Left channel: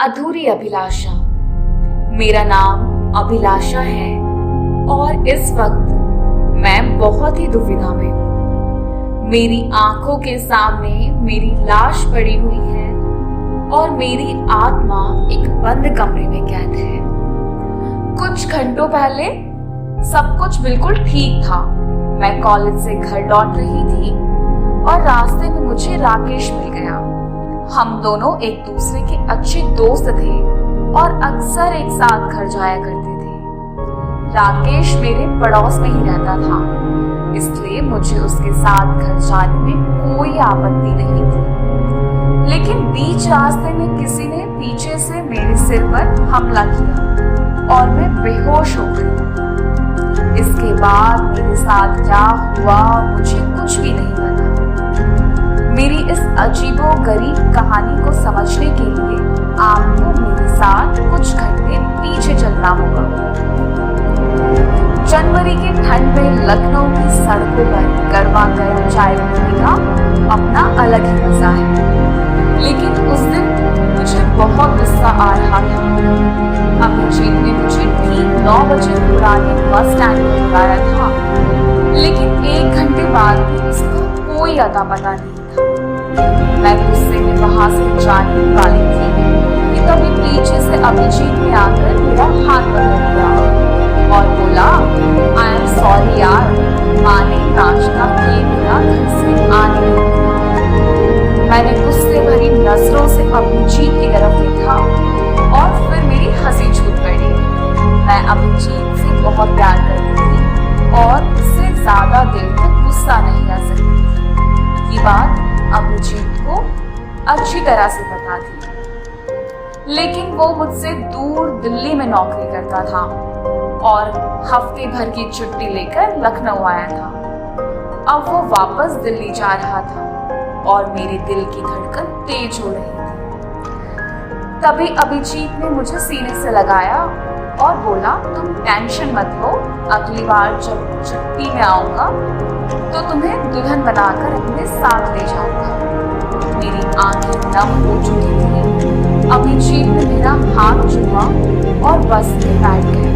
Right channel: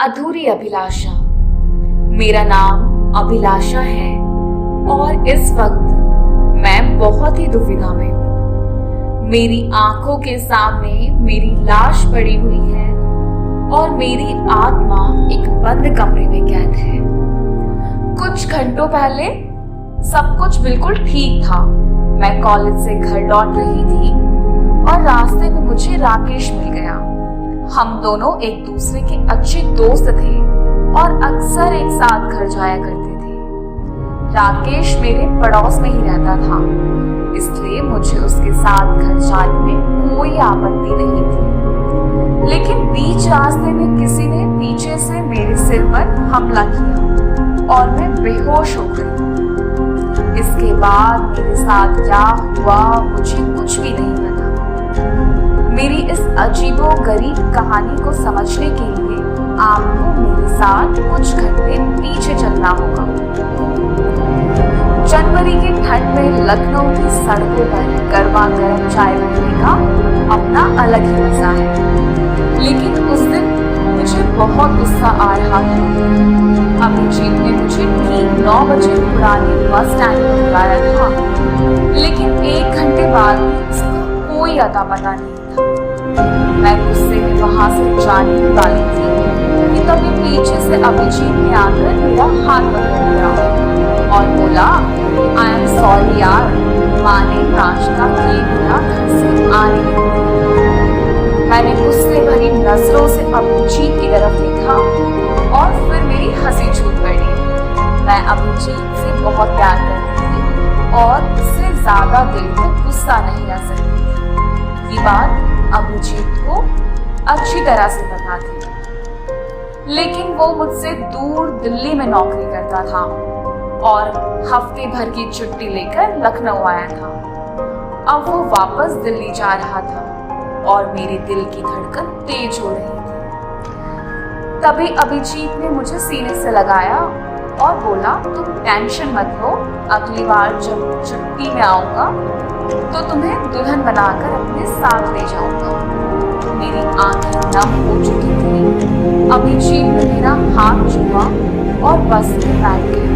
अधूरी अभिलाषा। मेरा नाम अभिलाषा है और इस वक्त मैं बहुत ही दुविधा में हूँ। मेरी आंखों के सामने मेरी लाश पड़ी हुई है और मेरी आत्मा एक बंद कमरे में कैद है। कुछ घंटों पहले सब कुछ बिल्कुल ठीक था। मैं कॉलेज से घर लौट रही थी और रास्ते में मुझे राकेश मिल गया। हम दोनों एक दूसरे के अच्छे दोस्त थे और अक्सर एक साथ घर जाया करते थे। राकेश मेरे पड़ोस में ही रहता था, इसलिए मुझे उसके साथ घर जाने में कोई आपत्ति नहीं थी। लेकिन बीच रास्ते में किसी ने पीछे से मेरे सिर पर हमला किया और मैं बेहोश हो गई। इसके बाद मेरे साथ क्या हुआ मुझे कुछ भी नहीं पता। मेरी इस अजीबोगरीब कहानी को समझने के लिए आपको मेरे साथ कुछ घंटे पीछे चलना होगा। जनवरी के ठंड में लखनऊ की सड़कों पर गर्मा गर्म चाय पीने का अपना अलग ही मजा है। लेकिन उस दिन मुझे बहुत गुस्सा आ रहा था। अभिजीत ने मुझे ठीक 9 बजे पुराने बस स्टैंड पर बुलाया था, लेकिन 1 घंटे बाद भी उसका कोई अता पता नहीं था। मैं गुस्से में वहां से जाने वाली थी कि तभी पीछे से अभिजीत ने आकर मेरा हाथ पकड़ लिया और बोला, आई एम सॉरी यार, माँ ने नाश्ता किए बिना घर से आने नहीं दिया। मैंने गुस्से भरी नजरों से अभिजीत की तरफ देखा और फिर मेरी हंसी छूट पड़ी। मैं अभिजीत से बहुत प्यार करती थी और उससे ज्यादा देर तक गुस्सा नहीं रह सकती थी। ये बात अभिजीत को अच्छी तरह से पता थी, लेकिन वो मुझसे दूर दिल्ली में नौकरी करता था और हफ्ते भर की छुट्टी लेकर लखनऊ आया था। अब वो वापस दिल्ली जा रहा था और मेरे दिल की धड़कन तेज हो रही थी। तभी अभिजीत ने मुझे सीने से लगाया और बोला, तुम टेंशन मत लो, अगली बार जब छुट्टी में आऊंगा तो तुम्हें दुल्हन बनाकर अपने साथ ले जाऊंगा। मेरी आंखें नम हो चुकी थी। अभिजीत ने मेरा हाथ छुआ और बस में बैठ गया।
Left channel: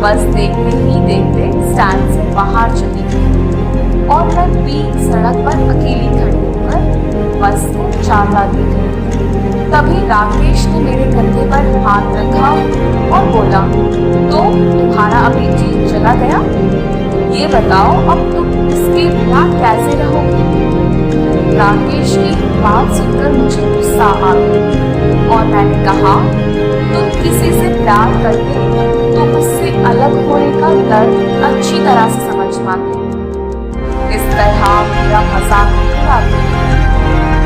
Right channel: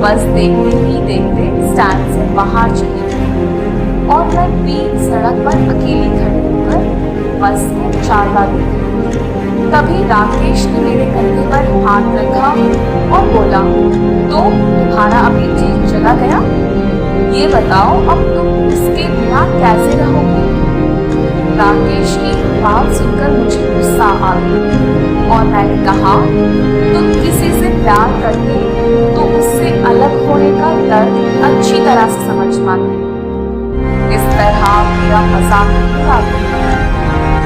बस देखते ही देखते स्टैंड से बाहर चली गई और मैं बीच सड़क पर अकेली खड़ी होकर बस को जाता देख रही। तभी राकेश ने मेरे कंधे पर हाथ रखा और बोला, तो तुम्हारा अभिजीत चला गया, ये बताओ अब तुम उसके बिना कैसे रहोगी। राकेश की बात सुनकर मुझे गुस्सा आ गया और मैंने कहा, तुम किसी से प्यार करते तो उससे अलग होने का दर्द अच्छी तरह से समझ पाते। इस तरह मेरा मजाक नहीं उड़ाते।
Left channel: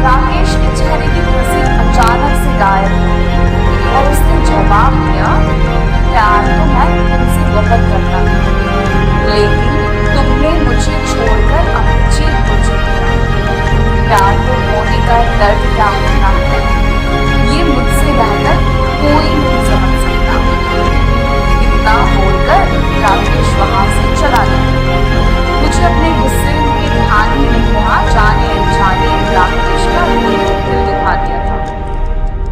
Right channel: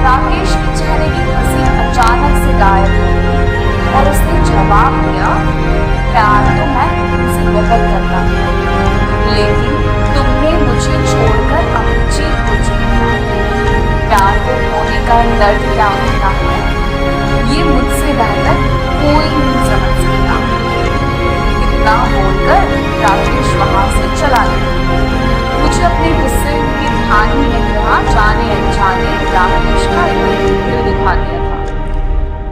राकेश के चेहरे की हंसी अचानक से गायब हो गई और उसने जवाब दिया, प्यार तो मैं तुमसे बहुत करता था, लेकिन तुमने मुझे छोड़कर अभिजीत को चुन लिया। प्यार को होने का दर्द क्या होता है, ये मुझसे बेहतर कोई नहीं समझ सकता। इतना बोलकर राकेश वहां से चला गया। मुझे अपने गुस्से के ध्यान ही नहीं रहा, जाने अनजाने राकेश का दिल दुखा दिया था।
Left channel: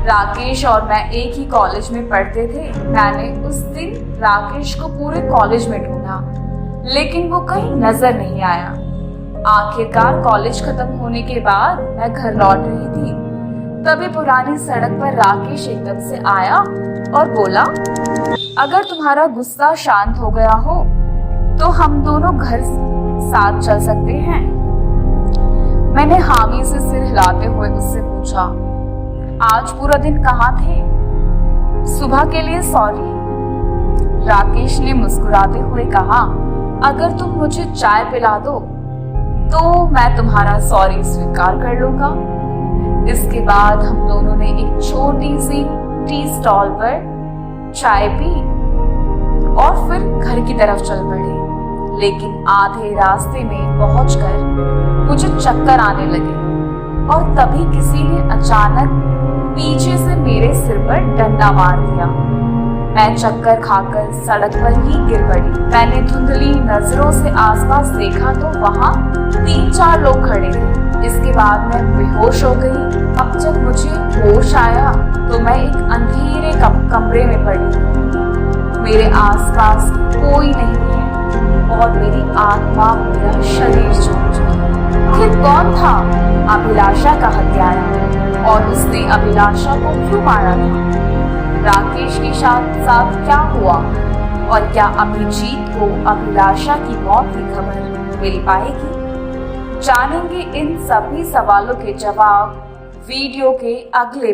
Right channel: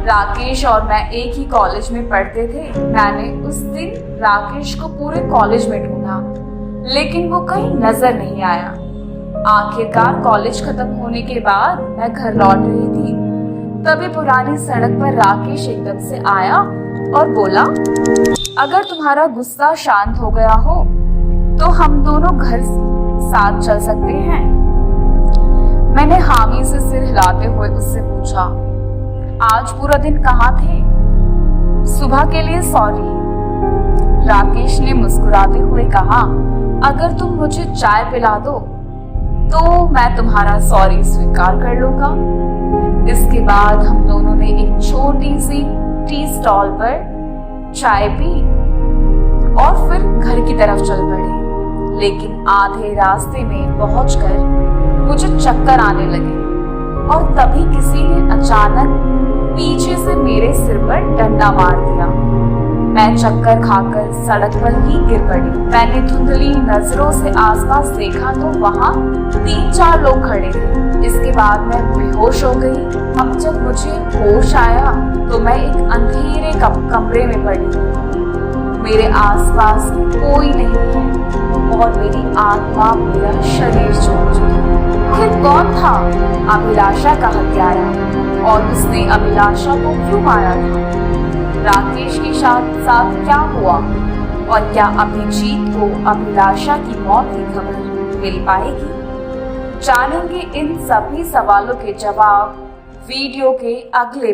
राकेश और मैं एक ही कॉलेज में पढ़ते थे। मैंने उस दिन राकेश को पूरे कॉलेज में ढूंढा, लेकिन वो कहीं नजर नहीं आया। आखिरकार कॉलेज खत्म होने के बाद मैं घर लौट रही थी। तभी पुरानी सड़क पर राकेश एकदम से आया और बोला, अगर तुम्हारा गुस्सा शांत हो गया हो तो हम दोनों घर साथ चल सकते हैं। मैंने हामी से सिर हिलाते हुए उससे पूछा, आज पूरा दिन कहाँ थे? सुबह के लिए सॉरी। राकेश ने मुस्कुराते हुए कहा, अगर तुम मुझे चाय पिला दो तो मैं तुम्हारा सॉरी स्वीकार कर लूंगा। इसके बाद हम दोनों ने एक छोटी सी टी स्टॉल पर चाय पी और फिर घर की तरफ चल पड़े। लेकिन आधे रास्ते में पहुंचकर मुझे चक्कर आने लगे और तभी किसी ने अचानक पीछे से मेरे सिर पर डंडा मार दिया। मैं चक्कर खाकर सड़क पर ही गिर पड़ी। मैंने धुंधली नजरों से आसपास देखा तो वहां 3-4 लोग खड़े थे। इसके बाद मैं बेहोश हो गई। अब जब मुझे होश आया तो मैं एक कमरे में पड़ी हूँ। मेरे आसपास कोई नहीं है और मेरी आत्मा मेरा शरीर छोड़ चुकी है। आखिर कौन था अभिलाषा का हत्यारा और उसने अभिलाषा को क्यों मारा था? राकेश के साथ क्या हुआ और क्या अभिजीत को अभिलाषा की मौत की खबर मिल पाएगी? जानेंगे इन सभी सवालों के जवाब वीडियो के अगले